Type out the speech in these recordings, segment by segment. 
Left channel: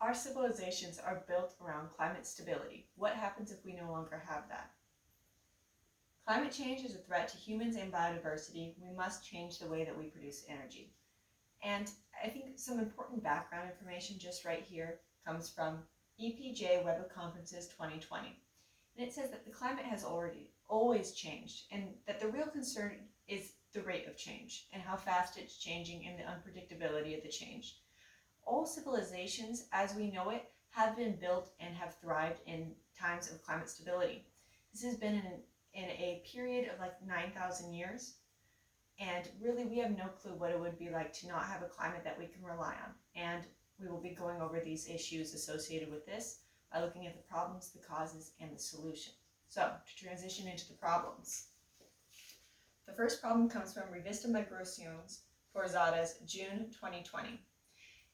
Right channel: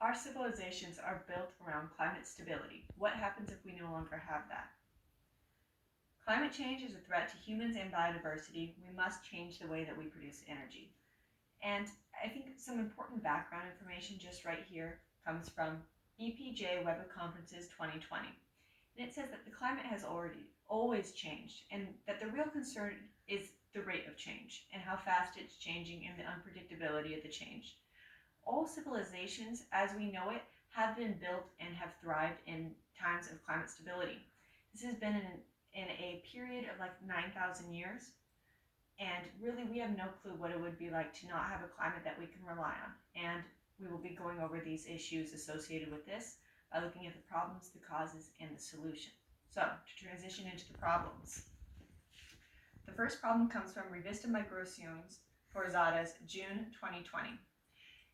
Our civilizations are built around climate stability. What happens if we no longer have that? Climate change is a threat to humans and biodiversity. We must change the way that we produce energy. And I think some important background information just right here comes from EPJ Web of Conferences 2020. And it says that the climate has always changed, and that the real concern is the rate of change and how fast it's changing and the unpredictability of the change. All civilizations, as we know it, have been built and have thrived in times of climate stability. This has been in a period of like 9,000 years, and really we have no clue what it would be like to not have a climate that we can rely on. And we will be going over these issues associated with this by looking at the problems, the causes, and the solutions. So, to transition into the problems. The first problem comes from Revista Migraciones Forzadas, June 2020.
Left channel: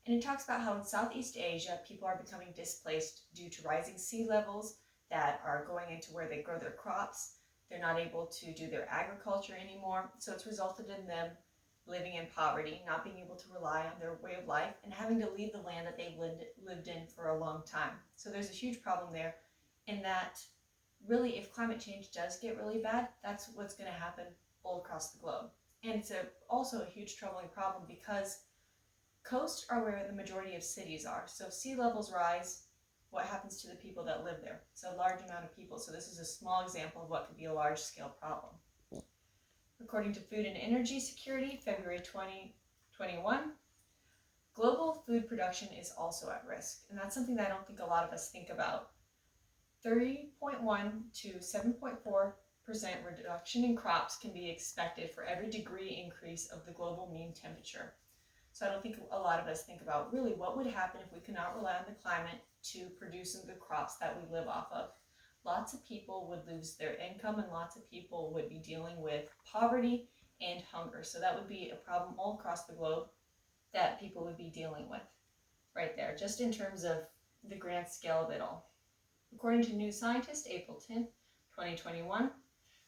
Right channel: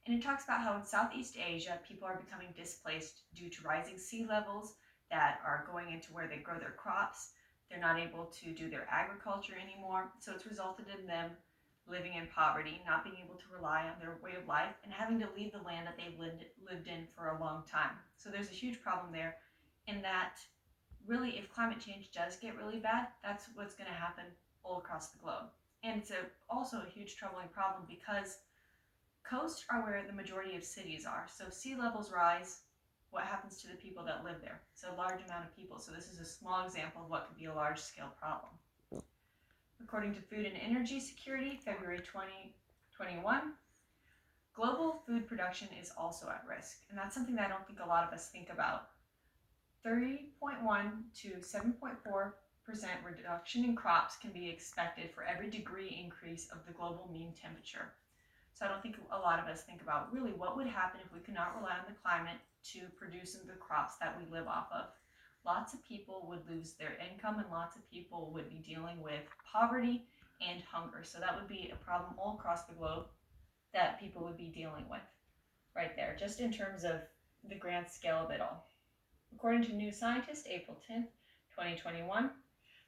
And it talks about how in Southeast Asia, people are becoming displaced due to rising sea levels that are going into where they grow their crops. They're not able to do their agriculture anymore. So it's resulted in them living in poverty, not being able to rely on their way of life, and having to leave the land that they've lived in for a long time. So there's a huge problem there in that really if climate change does get really bad, that's what's going to happen all across the globe. And it's also a huge troubling problem because coasts are where the majority of cities are. So sea levels rise, what happens to the people that live there? It's a large amount of people. So this is a small example of what could be a large scale problem. According to Food and Energy Security, February 2021, global food production is also at risk. And that's something that I don't think a lot of us think about. 30.1 to 7.4% reduction in crops can be expected for every degree increase of the global mean temperature. So I don't think a lot of us think about really what would happen if we could not rely on the climate to produce the crops that we live off of. Lots of people would lose their income, and lots of people would be dealing with poverty and hunger. So that would be a problem all across the globe that people would be dealing with right there, just in terms of the grand scale of it all. According to New Scientist, April 10th, 2021,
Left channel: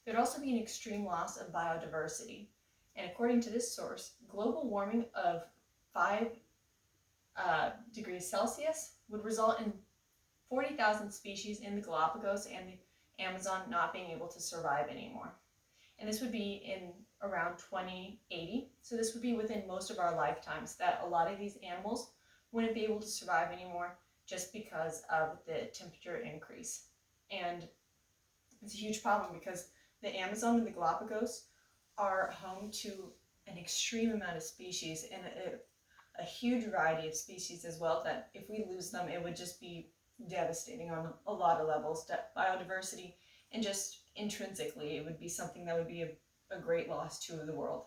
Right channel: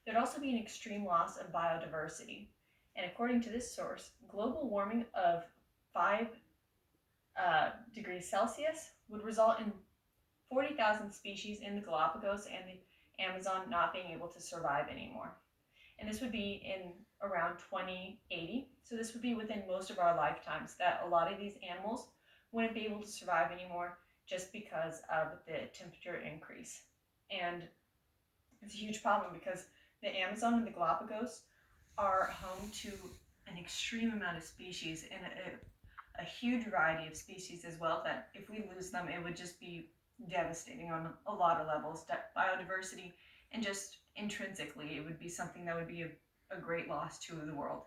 there'd also be an extreme loss of biodiversity. And according to this source, global warming of 5 degrees Celsius would result in 40,000 species in the Galapagos and the Amazon not being able to survive anymore. And this would be in around 2080. So this would be within most of our lifetimes that a lot of these animals wouldn't be able to survive anymore just because of the temperature increase. And it's a huge problem because the Amazon and the Galapagos are home to an extreme amount of species and a huge variety of species as well, that if we lose them, it would just be devastating on a lot of levels. Biodiversity, and just intrinsically, it would be something that would be a great loss to the world.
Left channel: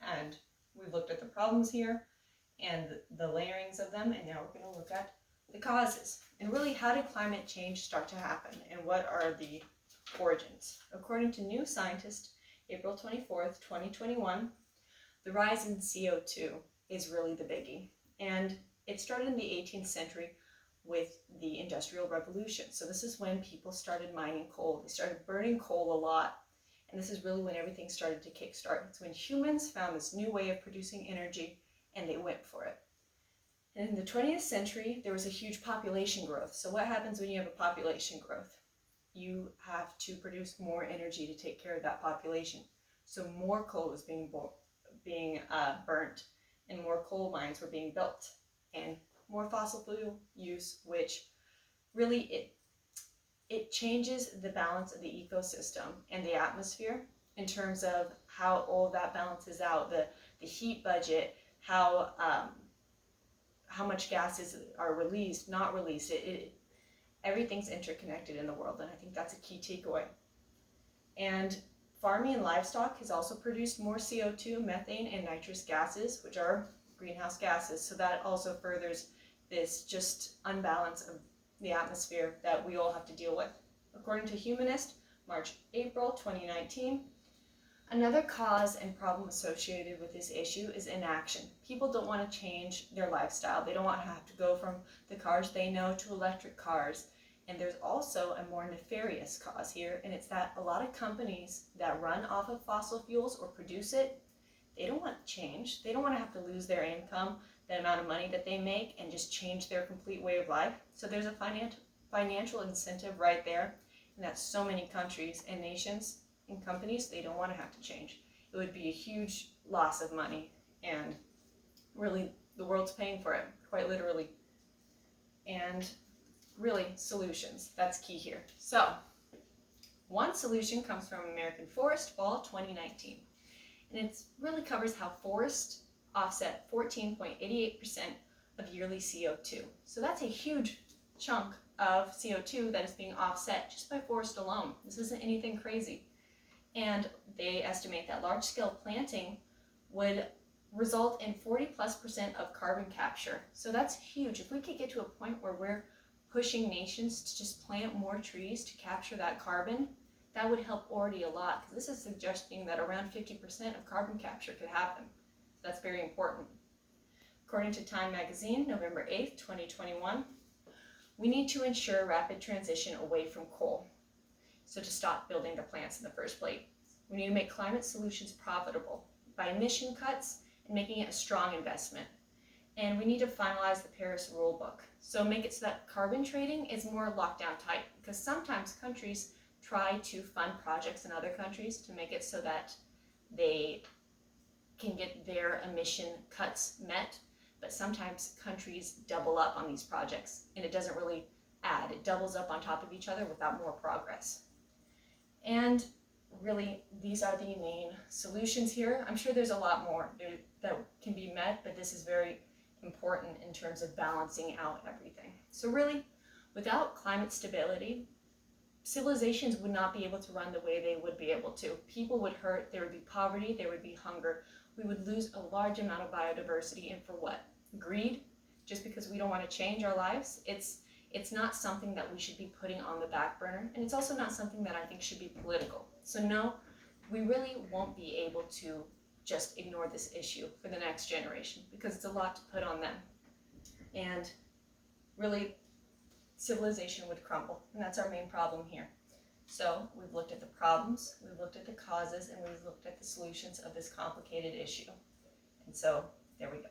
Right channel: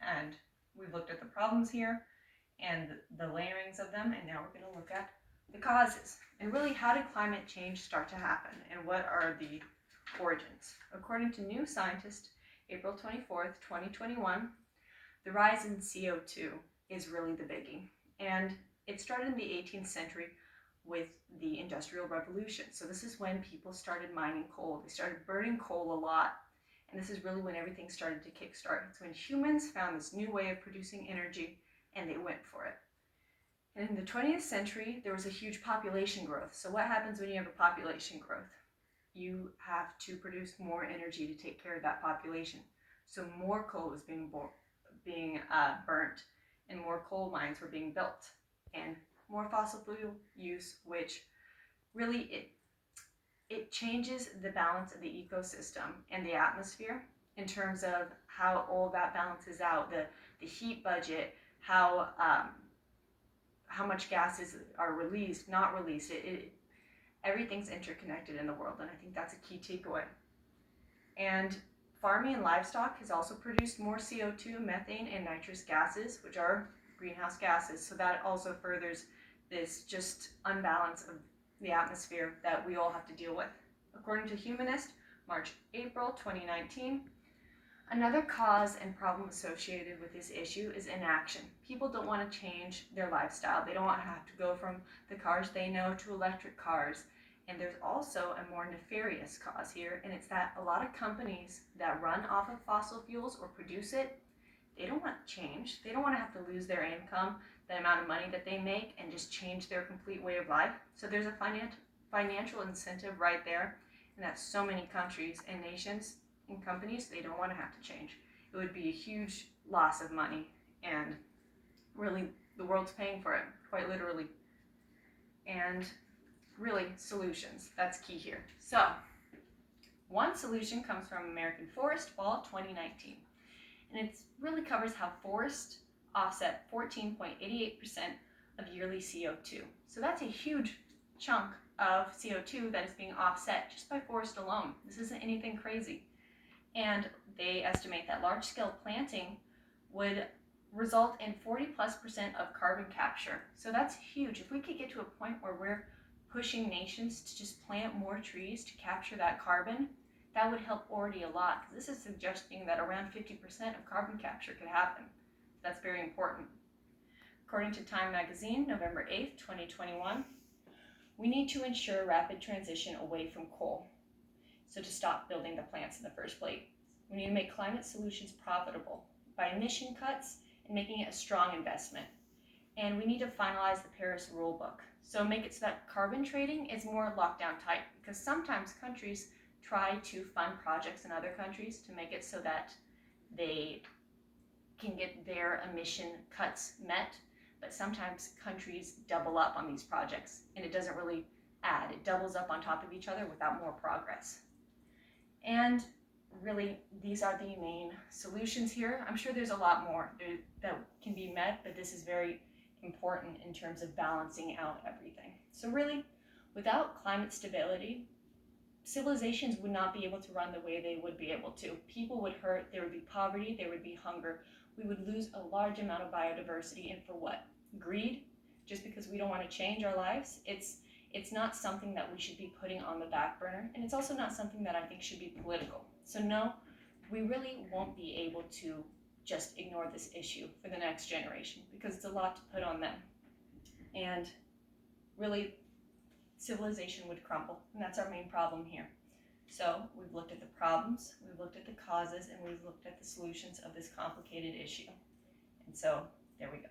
And we've looked at the problems here and the layerings of them, and now we're going to look at the causes. And really, how did climate change start to happen, and what are the origins? According to New Scientist, April 24th, 2021, the rise in CO2 is really the biggie. And it started in the 18th century with the Industrial Revolution. So this is when people started mining coal. They started burning coal a lot. And this is really when everything started to kickstart. It's when humans found this new way of producing energy and they went for it. And in the 20th century, there was a huge population growth. So what happens when you have a population growth? You have to produce more energy to take care of that population. So more coal is being burnt, and more coal mines were being built, and more fossil fuel use, which really it changes the balance of the ecosystem and the atmosphere in terms of how all that balances out, the heat budget, how much gases are released, not released. Everything's interconnected in the world, and I think that's a key takeaway. And farming and livestock has also produced more CO2, methane, and nitrous gases, which are greenhouse gases. So that also furthers this just unbalance of the atmosphere that we all have to deal with. According to Humanist, March-April 2019, another cause and problem associated with this issue is inaction. People don't want to change their lifestyle. They don't want to have to go from the cars they know to electric cars. And there's also a more nefarious cause here, and it's that a lot of companies that run off of fossil fuels or produce it, they don't want to change. They don't want to have to lose their income. the amount of money that they make and just change their complete way of life. So there's a financial incentive right there, and that so many countries and nations and companies, they don't want to have to change. It would be a huge loss of money, and really the world's paying for it, quite literally. And really, solutions, that's key here. So one solution comes from American Forest, fall 2019, and it really covers how forests offset 14.88% of yearly CO2. So that's a huge chunk of CO2 that is being offset just by forest alone. This isn't anything crazy. And they estimate that large-scale planting would result in 40+% of carbon capture. So that's huge. If we could get to a point where we're pushing nations to just plant more trees to capture that carbon, that would help already a lot, because this is suggesting that around 50% of carbon capture could happen. That's very important. According to Time magazine, November 8th, 2021, we need to ensure rapid transition away from coal. So to stop building the plants in the first place, we need to make climate solutions profitable by emission cuts and making it a strong investment. And we need to finalize the Paris Rulebook. So make it so that carbon trading is more lockdown type, because sometimes countries try to fund projects in other countries to make it so that they can get their emission cuts met, but sometimes countries double up on these projects and it doesn't really add. It doubles up on top of each other without more progress. And really, these are the main solutions here. I'm sure there's a lot more that can be met, but this is very important in terms of balancing out everything. So really, without climate stability, civilizations would not be able to run the way they would be able to. People would hurt, there would be poverty, there would be hunger. We would lose a large amount of biodiversity, and for what? Greed? Just because we don't want to change our lives? It's not something that we should be putting on the back burner, and it's also not something that I think should be political. So no, we really won't be able to just ignore this issue for the next generation, because it's a lot to put on them. And really, civilization would crumble, and that's our main problem here. So we've looked at the problems, we've looked at the causes, and we've looked at the solutions of this complicated issue. And so there we go.